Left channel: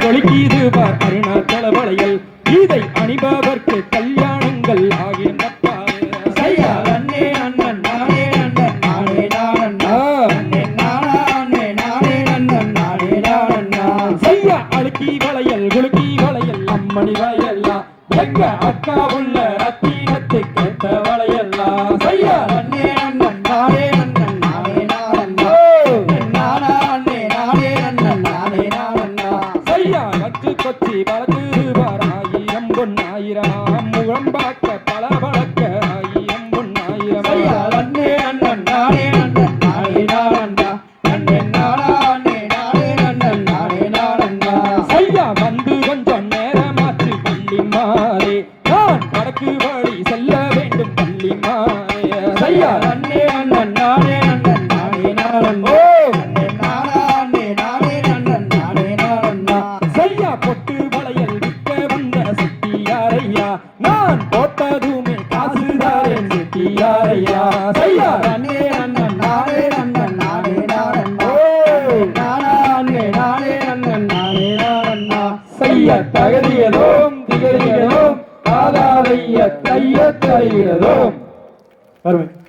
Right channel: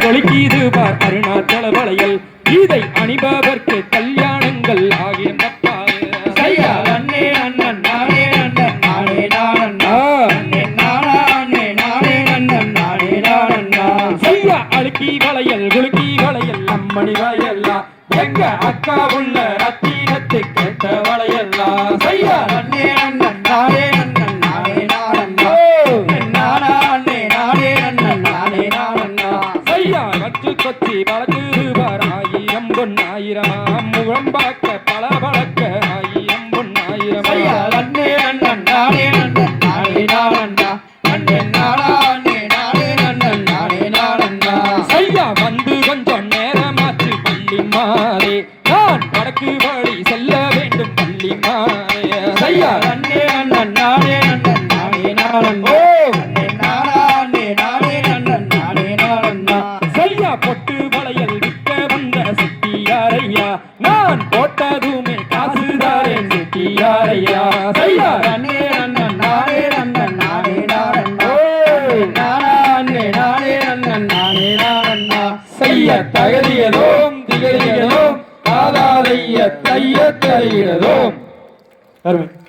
தொலைக்கீது பார் அருணாச்சல வளையல். இதை அணிபவர்க்கு கல்யாணங்கள் ஆகின்ற பாரு ஐயா அண்ணே அண்ணன் நானே அண்ணன் நானே நான் ஆ, அண்ணே நானா அண்ணே நானே அண்ணன் நானே நான் நான். ஐயா அழுக்கி வளையல் குலுக்கி வளையல் அம்மணி வளையல்லா. எங்க அக்கா உள்ள ரத்தினத்து கொச்சி வளர்க்குவார் ஆயிரம் பொன்னாயிரம் முகம் பார்க்க பல வழக்க ஆயிரம் பொன்னாயிரம் அண்ணே அண்ணன் நானே அண்ணன் நானே நான் அண்ணே. நானா அண்ணே நானே அண்ணன் நானே நான் ஐயா வந்து கொஞ்சம் நேரமாச்சு பள்ளி மாறே. நான் வடக்கு வழி செல்ல வேண்டும் பள்ளி மாறே. ஐயா நான் போட்டதுமே காசுதாரே சுட்டியாரையா? ஐயா. அண்ணே அண்ணன் நானே அண்ணன் நானே நான் நானே நானே செய்ய காதாதைய தைய தருகிறதோம் அருமை.